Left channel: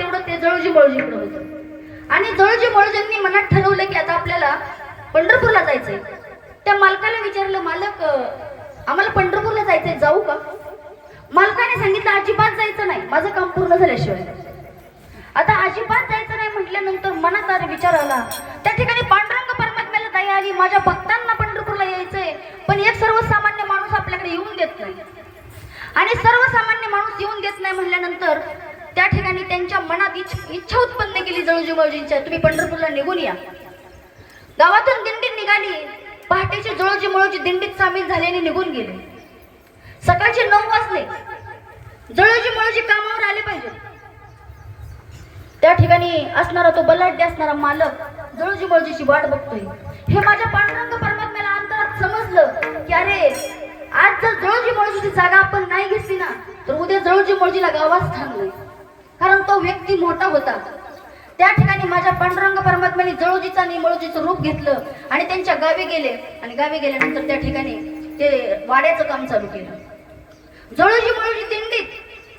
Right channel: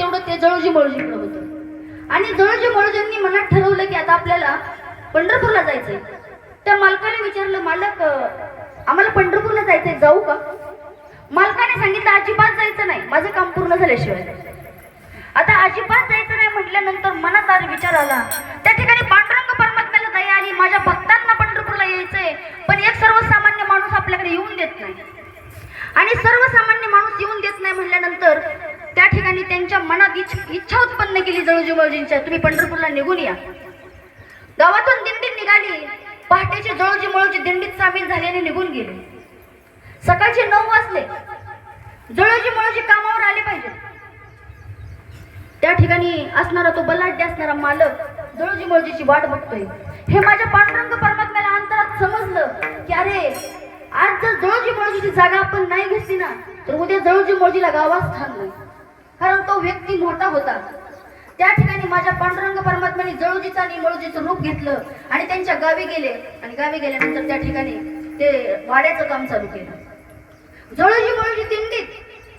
तेवढं ते जळोजी मळोजीकडे होतं. आणि जळोजी मळोजींनी मनात ठरवलं की आता आपल्याला पंढरपूरला जायचंय. त्या मालकाने विचारलं, मालक आम्हाला पंढरपूरला जायचंय, जाऊ का? मालकाने सांगितलं अजिबात जायचं नाही, माझं काम पूर्ण झाल्याशिवाय. आता अजिबात जायचं नाही म्हटल्यानंतर मनात आला विचार आला, त्या ठिकाणी पांडुरंग परमात्म्याला दया आली, माझ्या भक्तांना पंढरपूरला यायचंय, पण एक सर्वसामान्य माणूस आपल्याकडे येऊन देत नाही. आणि सर्वसामान्य माणूस येऊन देत नाही म्हटल्यानंतर त्या ठिकाणी त्यांच्या मनात इच्छा उत्पन्न केली जळोजी मळोजींच्या, तुम्ही पंढरपूरला निघून या. गावातून दिंडी निघाली. पहाटेची जळोजी मळोजी दिंडीत सामील झाले आणि निघून गेले. सकाळचे 9 वाजले. जळोजी मळोजी कामावर आले पाहिजे. त्या ठिकाणी असणारा तो बलाढ्य असणारा मालक जळोजी मळोजीची वाट बघतोय. हे माझ्या पांडुरंग परमात्म्याला अंतरात समजलं की अरे आज जर जळोजी मळोजीची जागा आपण नाही घेतली ना तर उद्या जळोजी मळोजीला गावात स्थान नाही, कारण तो व्यक्ती मोठा होता. त्या ठिकाणी माझ्या पांडुरंग परमात्म्याने जळोजीचं आणि मळोजीचं रूप घेतलं आणि त्यांच्या गावी गेले. आणि गावी गेल्यानंतर त्या ठिकाणी ते वाड्याचं काम चालू केलं. जळोजी मळोजी दिंडीत,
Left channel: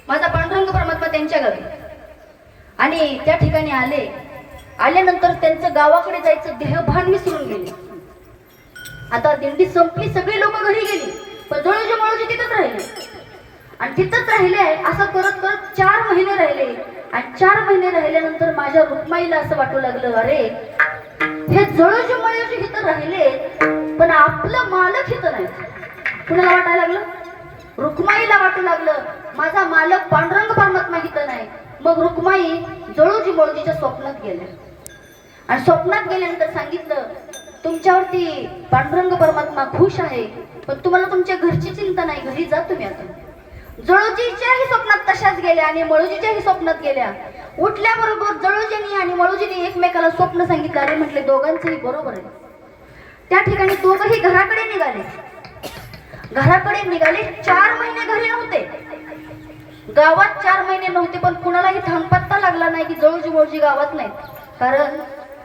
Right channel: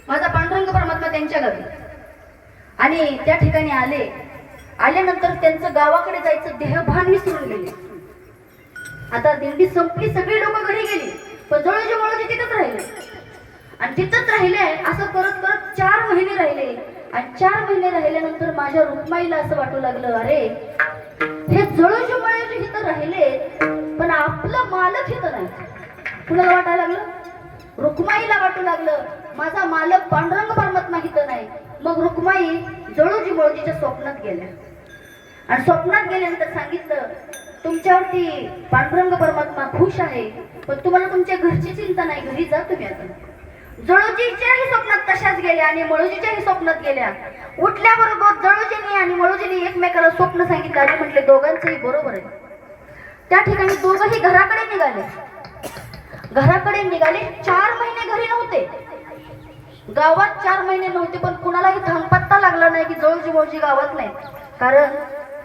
माझा पांडुरंग परमात्मा त्यांच्या गावी. आणि त्या ठिकाणी आल्यानंतर त्यांचं गावाकडे जायचं देहभान विसरून गेले. आता दिंडी संपली, सगळी लोक घरी गेली, पण जळोजी मळोजी तिथंच राहिले. आणि तिथंच राहिले. असं करत करत 4 महिने राहिले. आणि 4 महिने राहिल्यानंतर माझ्या रुक्माईला असं वाटू लागलं, अरे हे जळोजी मळोजी इथं राहिले पण आपलं मालक इथं नाही. कुणाला वाटायला लागलं? रुक्माईला वाटू लागलं, माझा मालक पांडुरंग परमात्मा इथं नाही. मग रुक्माई जळोजी मळोजीच्या स्वप्नात गेल्या. आणि स्वप्नात गेल्यानंतर सांगितलं, तुमच्यावरती पांडुरंग परमात्मा खुश आहे, पण तुम्हाला तुमच्या घरची चिंता नाही, घरी जा तुम्ही आता. जळोजीच्याही स्वप्नात तशाच गेल्या आणि मळोजीच्याही स्वप्नात गेल्या. उठल्याबरोबर जळोजींनी आणि मळोजींनी एकमेकाला स्वप्न सांगितलं. अरे म्हटले दोघांचंही बरोबर आहे. त्या ठिकाणी दोघंही घराकडे निघाले. 4 महिने घरी नव्हते. गावात 4 महिने नव्हते, पण कुणालाही थांगपत्ता लागला नाही की जळोजी मळोजी गावात नाही. कारण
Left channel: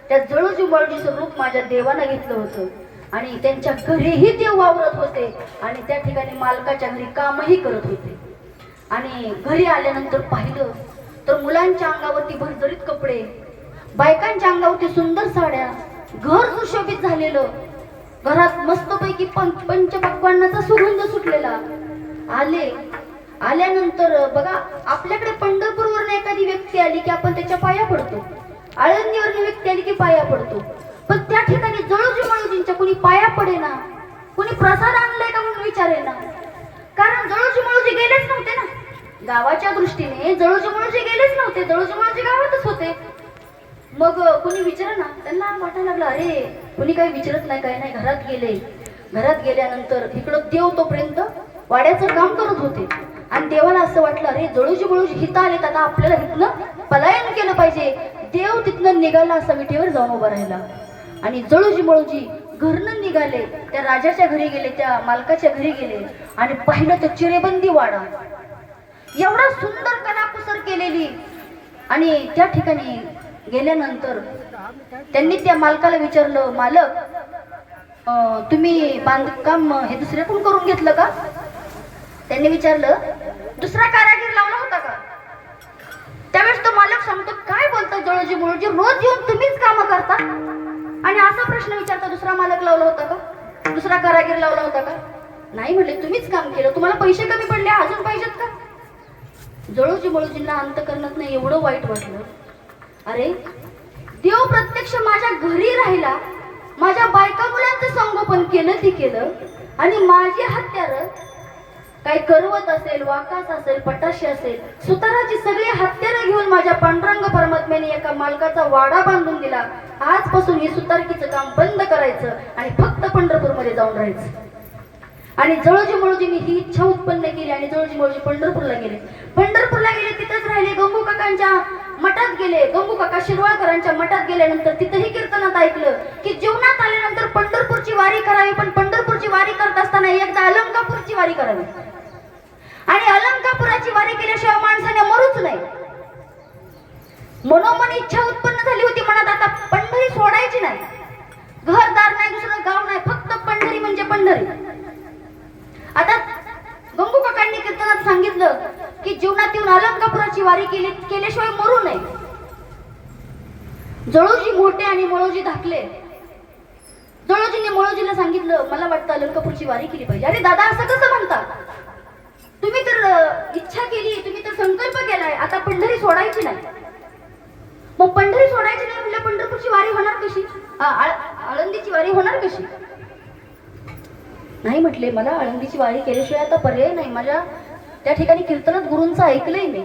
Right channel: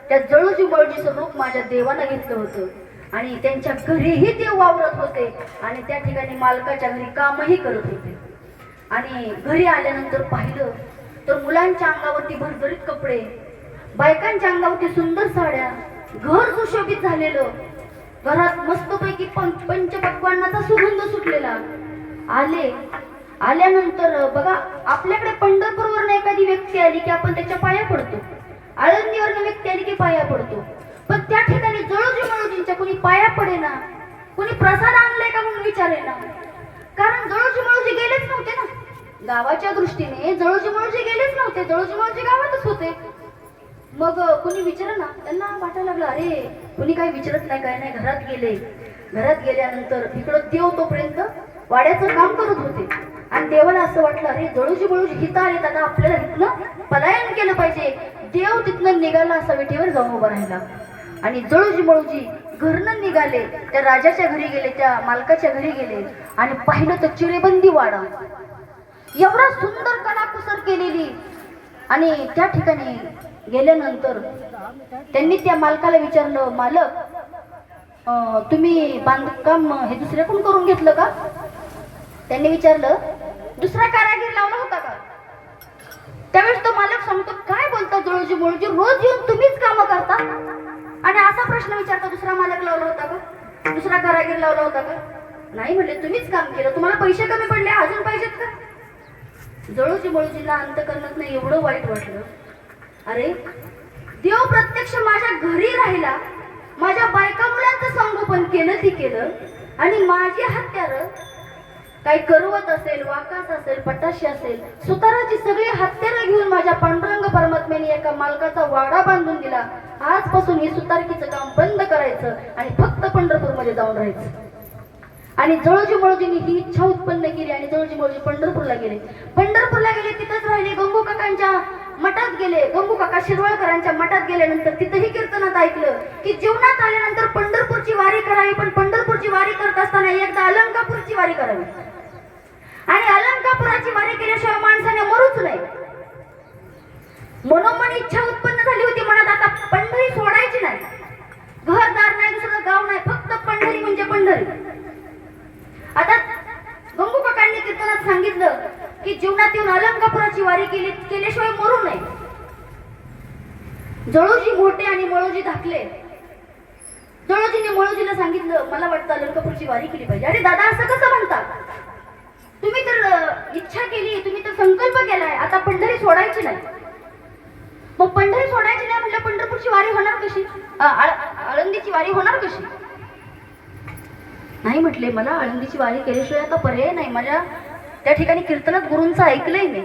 त्या जळोजी मळोजीचं रूप माझ्या देवानं घेतलं होतं. आणि त्यांच्या घरीही देव वावरत होते आणि त्या ठिकाणी मालकाच्या घरी कामही करत होते. आणि घरी आल्यानंतर पाहिलं तर मुलांच्या अंगावरती भरभरीत कपडे, बायकांच्या अंगावरती सुंदर साड्या, घर सुशोभित झालेलं, घरात मस्तपैकी पंचपक्वान्नाचा सुगंध सुटलेला. आल्यानंतर बघा, आपल्याकडे पंढरपूरवरून एखादी व्यक्ती आली की आपण त्याच्या पाया पडतो, आळंदीवरून व्यक्ती आली की पाया पडतो. पण त्या ठिकाणी जळोजी मळोजींच्या कुणी पाया पडेना, कुणी प्रसाद आणलाय का म्हणून विचारेना. कारण जळोजी मळोजी गेलेच नव्हते ना. गावाच्या दृष्टीने जळोजी मळोजी गेलेच नव्हते, जळोजी मळोजी गावातच होते. मग कुणी विचार ना, त्यांना वाटायला लागलं, अरे कुणी काही विचारत नाही, काय नाही, घरात गेले. घरात गेल्यानंतर इकडं देव तोपर्यंत वाड्याचं काम करत होते. आणि देवाला असं वाटलं, अरे जळोजी मळोजी हिता आले, आता आपल्याला इथनं पलायन केलं पाहिजे. देव तिथनं निघाला, असा विटीवर जाऊन उभा राहिला. आणि जळोजी मळोजी घरनं निघाले, त्या राजाच्या घरी गेले, त्या मालकाच्या घरी गेले. आणि पाहिलं तर चिरेबंदी वाडा, एवढा सुंदर कलाकुसर केलेली. आणि त्या ठिकाणी गेल्यानंतर त्यांनी त्या मालकाला विचारलं, मालक तुम्ही बांधकाम हे दुसऱ्याकडून करून घेतलं का? त्यांनी विचारलं, दुसरा कारागीर लावला होता का? त्यावेळेस तो मालक सांगतो, काय बोलता जळोजी मळोजी, रोज येऊन तुम्हीच काम करता आणि असा प्रश्न विचारता, दुसरा मालक लावला होता का? दुसरा कारागीर लावला होता का? नाही म्हटले, तुम्हीच काम केलं, तुम्हाला पैसे कमी पडले, अजून पाहिजेत का? जळोजी मळोजींना अंतकरणात नाही एवढं वाईट वाटलं, अरे देव प्रत्यक्ष माझ्या घरी राहिला, माझ्या बायका मुलांचं संगोपन केलं ती केलं, आणि माझी हत्यार काही करवत असेल, वाकास असेल, पटाशी असेल, सुताराची सगळी हत्यारं घेऊन माझ्या पांडुरंग परमात्म्याने एका मालकाचा वाडा बांधून दिला. आजपासून हे सुतारकीचं काम बंद करायचं आणि फक्त पंढरपूरमध्ये जाऊन राहायचं. आणि जळोजी मळोजींनी ही इच्छा उत्पन्न केली आणि जळोजी मळोजी पंढरपूरला गेले. तिथंच राहिले. गंगू काकांच्या मठात गेले. गंगू काका शिरवाळकरांच्या मठात गेल्यानंतर तिथंही कीर्तनात ऐकलं की जीवनात आल्यानंतर पंढरपूरची वारी करावी, पण पंढरपूरची वारी करत असताना एकदा अलंकापूरची वारी करावी. आणि अलंकापुराची वारी केल्याशिवाय माणसाने मरूच नाही. मनोमन इच्छा उत्पन्न झाली होती मनात, आता पंढरी सोडायची नाही. घरदार नाही, दुसरं गाव नाही, फक्त पंढरी म्हणजे पंढरी. आता गंगू काकांनी कीर्तनात सांगितलं की जीवनात येऊन अलंकापुराची वारी केल्याशिवाय मरू नये. जळोजी मोठे आणि मळोजी धाकले. जळोजीने मळोजीला सांगितलं, मला वाटतं अलंकापूरची वारी केली पाहिजे. अरे दादा, असं कसं म्हणता? तुम्ही तर इच्छा केली, तुम्ही तर संकल्प केलाय, आता पंढरी सोडायची नाही. मग पंढरी सोडायची नाही म्हणजे पंढरपूरची वारी होणार कशी? आळंदीची वारी होणार कशी? नाही म्हटले, मला आळंदीची वारी केल्याशिवाय आता पर्याय नाही. माझ्या त्या ठिकाणी कीर्तनात गुरूंचं ऐकलंय मी.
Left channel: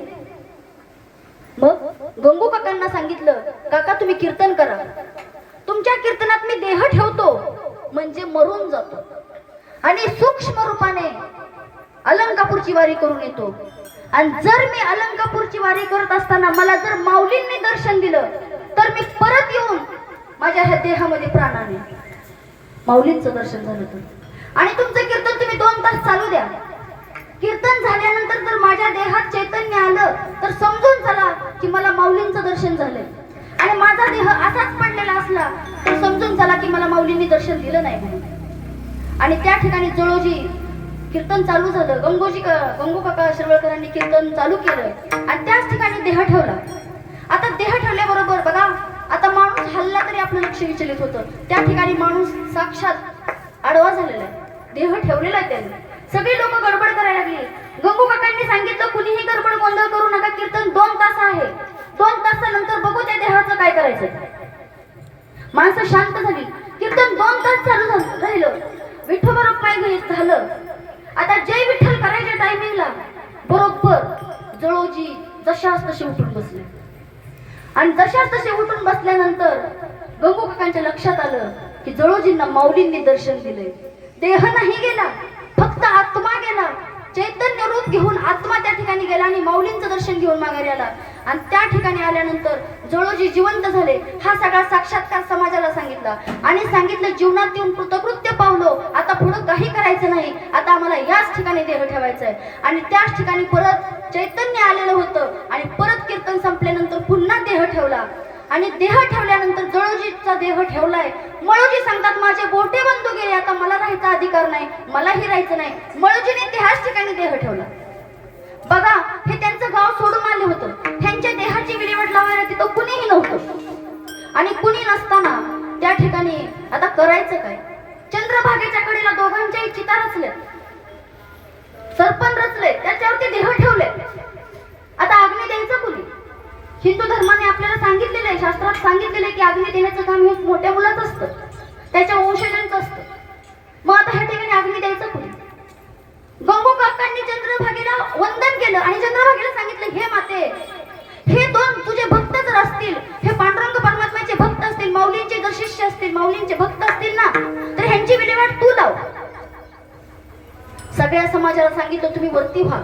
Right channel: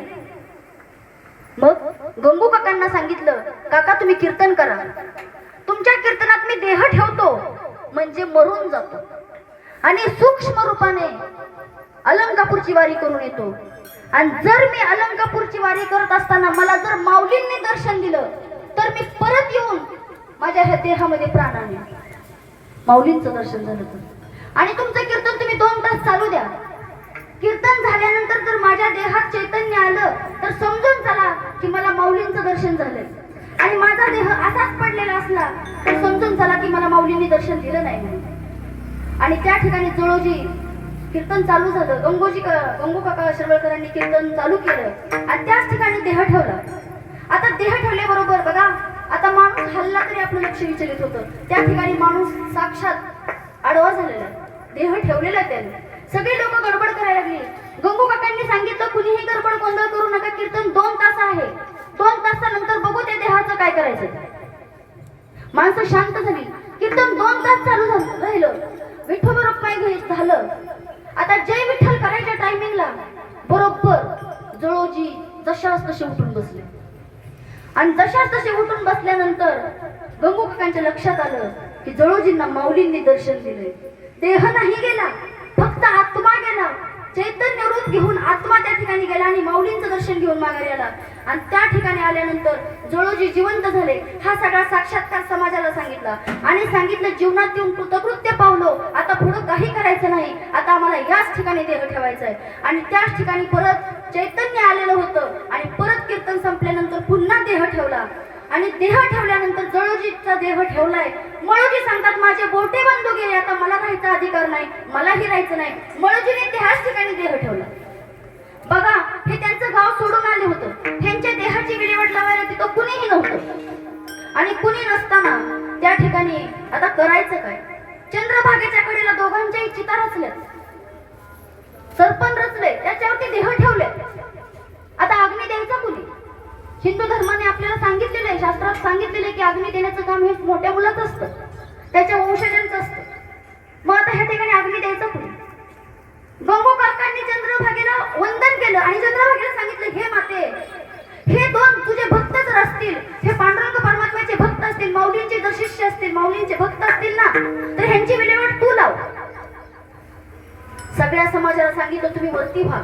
मग गंगू काकांना सांगितलं, काका तुम्ही कीर्तन करा. तुमच्या कीर्तनात मी देह ठेवतो म्हणजे मरून जातो आणि सूक्ष्म रूपाने अलंकापूरची वारी करून येतो. आणि जर मी अलंकापूरची वारी करत असताना मला जर माऊलींनी दर्शन दिलं तर मी परत येऊन माझ्या ह्या देहामध्ये प्राणाने माऊलींचं दर्शन झालं तर. आणि तुमचं कीर्तन तुम्ही 2 तास चालू द्या. कीर्तन झाल्यानंतर जर माझ्या देहात चैतन्य आलं तर समजून चला की मला माऊलींचं दर्शन झालंय. आणि माझा देह असाच पडलेला असला तर समजून चला की मला माऊलींनी दर्शन दिलं नाही म्हणून. आणि त्या ठिकाणी जळोजी कीर्तन चालू झालं. गंगू काका शिरवळकरांनी कीर्तन चालू केलं आणि त्याच ठिकाणी देह ठेवला. आता देह ठेवल्याबरोबर बघा, आता माणूस हल्ला तरी आपलं लक्ष विचलित होतं. त्या ठिकाणी माणूस साक्षात आडवा झालेला आहे, देह ठेवलेला आहे त्याने. सगळी लोक गडबड करायला लागली. गंगू काकांनी सांगितलं, कुणीही गडबड गोंधळ करू नका, कीर्तन 2 तास आहे, 2 तासानंतर बघू त्या देहाचं काय करायचं. माणसं शांत झाली. कीर्तन 2 तास चालू राहिलं. विठोबा पाय घेत झालं. आता जय विठ्ठल करायच्या टायमिंगला बरोबर जळोजी जशाच तसे उठून बसले. आणि जशाच तसे उठून बसल्यानंतर गंगू काकांच्या लक्षात आलं की जळोजींना माऊलींनी दर्शन दिले. देह नाही गेला, फक्त आत्मा गेला. चैतन्य रूप घेऊन आत्मा त्या ठिकाणी गेला आणि माऊलींचं दर्शन घेऊन माघारी आला. आणि त्या ठिकाणी आल्यानंतर जळोजी जिवंत झाले. हा सगळा साक्षात्कार समाजाला सांगितला आणि सांगितलं, जीवनात येऊन कृतकृत्य पावलो, आता पुढं काही करायचं नाही, आता आम्हाला याच ठिकाणी देह ठेवायचा आहे. आणि त्याच ठिकाणी परत चैतन्य आलेलं होतं आणि परत कीर्तन संपल्यानंतर पुन्हा देह ठेवला. आणि देह ठेवल्यानंतर जळोजीचा देह ठेवलाय. मळोजी सांगतात, माझे बोटे बंधू गेले, आता मला राहायचा अधिकार नाही, मलाही राहायचं नाही. मळोजीने त्याच ठिकाणी देह ठेवला. बघा, हे त्यांचं गाव सोडून आले होतं. ह्यांच्या देहाची विल्हेवाट लावायला तिथं कुणीही नव्हतं. आणि कुणी नसताना त्या ठिकाणी आता करायचं काय? चंद्रभागेच्या कडेला दोघांच्याही चिता रचल्या, सरपण रचले, त्याच्यावरती देह ठेवले. आता अग्नी द्यायचा कुणी? हिंदू धर्माने आपल्याला सांगितलेलं आहे, शास्त्रात सांगितलेलं आहे की अग्नी देण्याचं काम हे मोठ्या मुलाचं असतं, त्याच्या वंशजांचं असतं. मग आता ह्या ठिकाणी अग्नी द्यायचा कुणी? गंगू काकांनी चंद्रभागेला वंदन केलं आणि चंद्रभागेला सांगितलं, हे माते, हे 2 तुझे भक्त जर असतील, हे पांडुरंग परमात्म्याचे भक्त असतील, माऊलींचे जर शिष्य असतील, माऊलींचे भक्त असतील ना, तर ह्यांची विल्हेवाट तू लाव. सगळ्या समाजाला सांगितलं, तुम्ही वरती व्हा.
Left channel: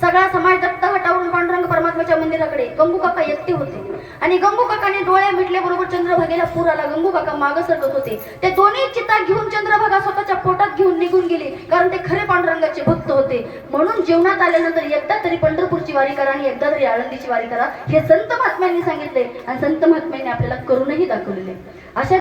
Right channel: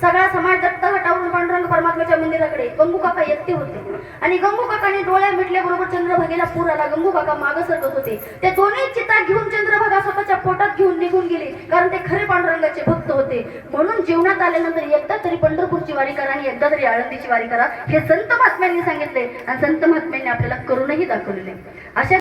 सगळा समाज दत्त घाटावरून पांडुरंग परमात्म्याच्या मंदिराकडे. गंगू काका एकटे होते आणि गंगू काकाने डोळ्या मिटल्याबरोबर चंद्रभागेला पूर आला. गंगू काका मागं सरकत होते. ते दोन्ही चिता घेऊन चंद्रभागा स्वतःच्या पोटात घेऊन निघून गेले, कारण ते खरे पांडुरंगाचे भक्त होते. म्हणून जीवनात आल्यानंतर एकदा तरी पंढरपूरची वारी करा आणि एकदा तरी आळंदीची वारी करा, हे संत महात्म्यांनी सांगितले आणि संत महात्म्यांनी आपल्याला करूनही दाखवलेले. अशा